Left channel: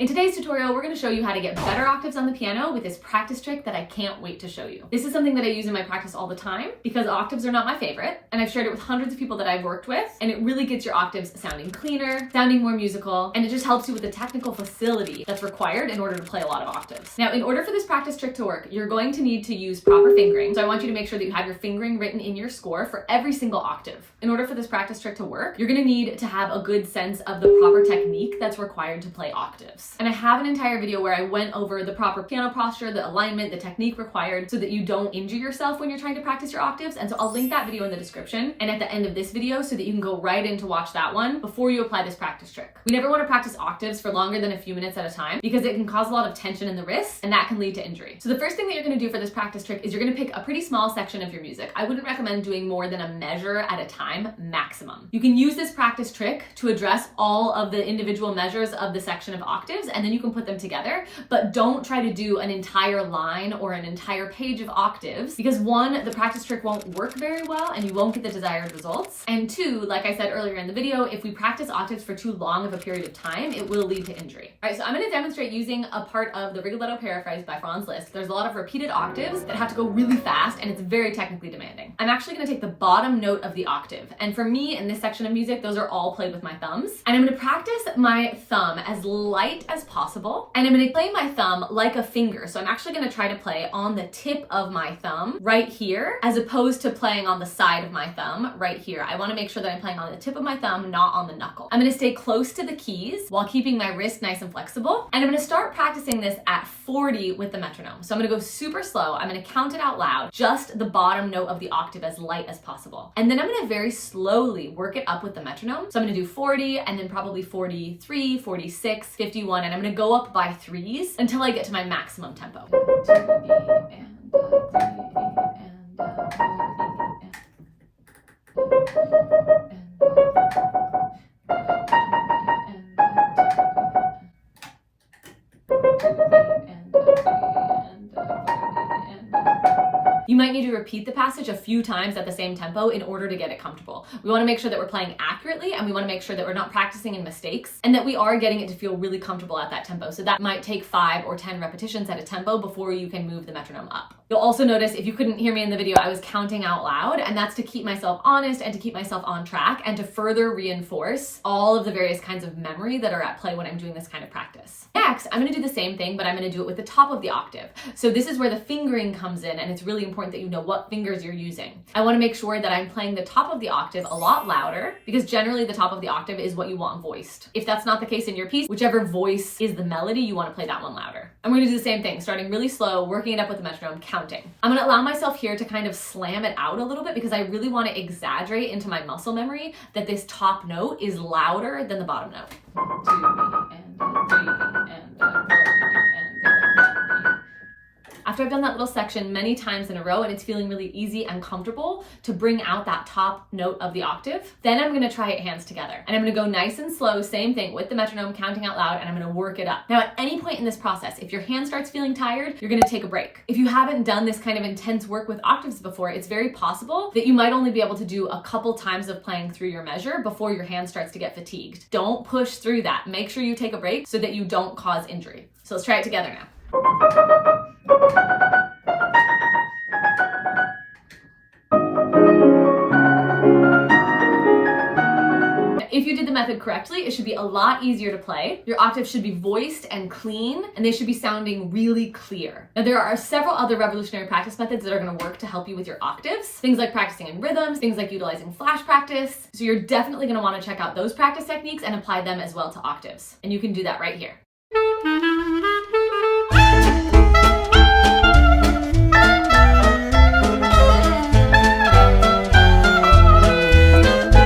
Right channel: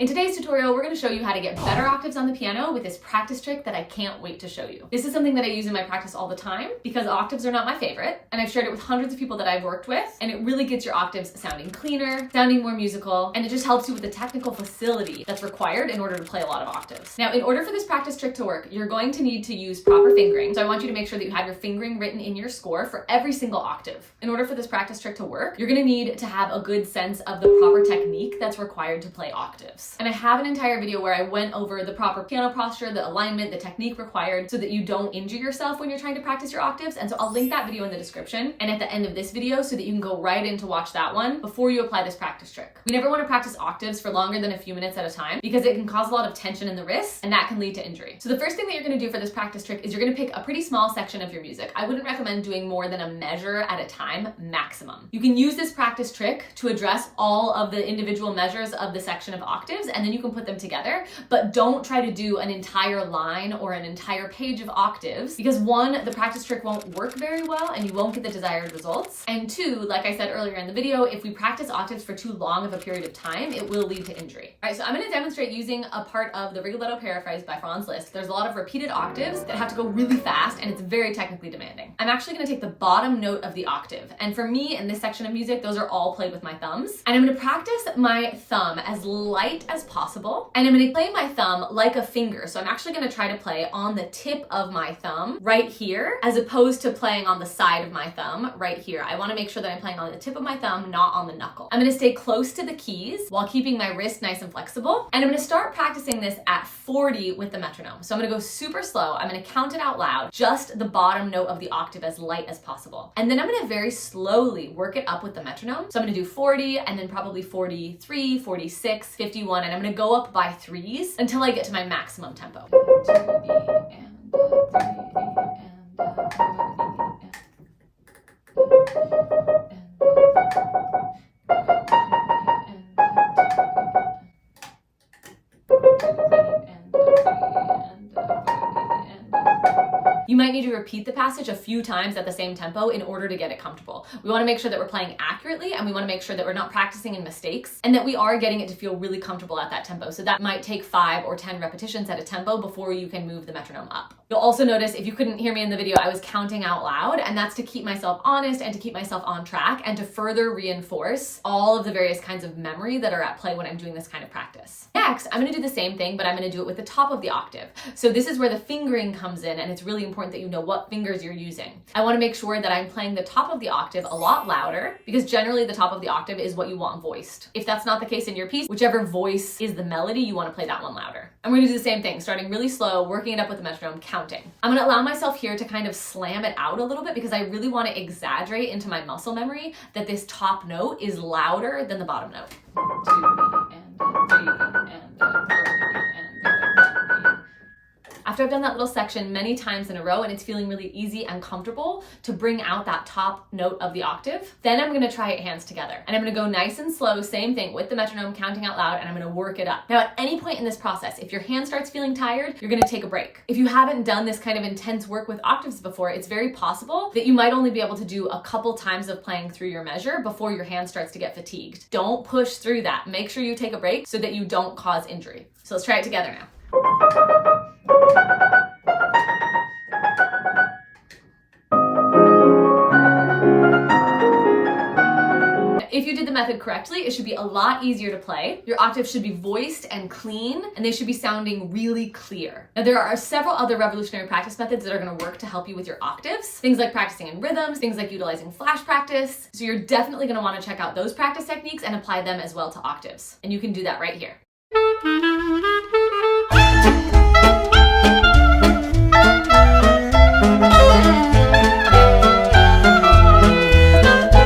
In today's tutorial, we're going to show you how to get better octaves on the piano with this practice trick that I can't wait to show you. This is something that I use in my practice all the time because octaves are not my favorite, and I've shared it with hundreds of people that I've worked with, and it really gets your octaves sounding cleaner, sounding more musical, and it just helps you with the technical facility that's required in order to play a lot of octaves. Now, in order for this practice trick to work, you're going to need to use proper fingering. So I want you to make sure that you have your fingering written in your score for every single octave. In order for this practice trick to work, you're going to need to have a good sense of the proper technique that's required to play octaves. And I have an entire video where I went over the proper piano posture, the alignment, the technique required so that you don't injure yourself when you're trying to practice your octaves. And so I'll link that video in the description and at the end of this video so that you can go right in to watch that one before you apply this practice trick. We never want to practice octaves for longer than a few minutes at a time because it can cause a lot of tension in the wrists and that can lead to injury. So the first thing that you're going to do for this practice trick is you're going to pick a pretty small section of your music. I wouldn't recommend doing more than a measure at a time, maximum. You can use this practice trick to address all of the individual measures of the section of octaves and then you can put them together, but don't try to do an entire line or an entire page of octaves because one, the practice trick won't work very well and you won't get the desired results. And two, like I said earlier in the video, if we practice octaves for too long of a period of time, it will lead to injury. All right, so I'm going to demonstrate using a part of the Rigoletto Paraphrase by Franz Liszt. There's a lot of repeated octaves that have to go really fast and it's very technically demanding. I'm actually going to take the bottom note of the octave. And for me, in this section of music, those are all played with my thumbs. And I'm going to practice my thumb as light as possible. And I'm going to play my thumb like a finger. So I'm actually going to try to play on the tip of my thumb right here, as opposed to playing on the side of my thumb right here. I want to make sure that I'm playing on the tip of my thumb, not on the knuckle. I'm going to stay close to the keys while keeping my wrist nice and flexible. And I'm going to start practicing this at 40 with the metronome. So I'm going to go super slow. I'm going to count it out loud, just the bottom note of the octave as light as possible. And then I'm going to very slowly work it up with the metronome. So I'm going to do 40 and then probably 43, 46, 51, and I'm going to go up by threes until I get to my maximum tempo. You might need to repeat the passage a few times at the same tempo in order to get it comfortable. We want to make sure that we're playing accurately and we want to make sure that we're not practicing in mistakes and that we are getting it to feel really comfortable at that tempo. So that might take 5 or 10 repetitions at a tempo before you can move the metronome up. You'll also notice, if you couldn't hear me in the video, I was counting out loud, and that's to keep myself honest and to keep myself on track and to further reinforce all of the various kinds of memory that are at play when I'm doing this kind of practice. Next, I'm going to do the same thing, but I'm going to do it with the top of the octave. So this is where the fingering comes in, and it's really important that you know what fingers you're using. I want to make sure that I'm playing the top of the octave a lot louder because generally the top of the octave is what you want voiced. If that's not the case in your piece, whichever voice is the melody, you want to play that one louder. I'm going to do the same thing, starting really slow, working it up with the metronome, counting. I'm going to allow myself here to kind of slam it out a little bit because I really want to exaggerate into my muscle memory that this top note is louder than the bottom note. 2 and 3 and After I've done that little section many times in a row and it's feeling really easy and comfortable to bring out that top note of the octave, then I'm going to try it hands together. And I'm going to go nice and slow, same thing with the metronome, counting out loud, and I'm going to work it up. Now, at any point in this process, if your hand starts feeling tired, you're going to take a break. If you haven't done this kind of intense work with octaves before, it's very possible that you might only be able to do a couple times of playing through your measure before your hand starts to get fatigued. Don't push through that. Make sure you take a break so that you don't cause injury. So let's try it together now. If you did the method correctly, it should be a lot easier to play. Your octaves should be voiced and clean, and they should be sounding really clear. Now, there are several other revolutionary practice methods that are going to work to help you with your octaves. Things like practicing in rhythms, things like utilizing flash practice. So you're definitely going to want to check out those practice techniques and apply them as well to octaves. And you can do that right here.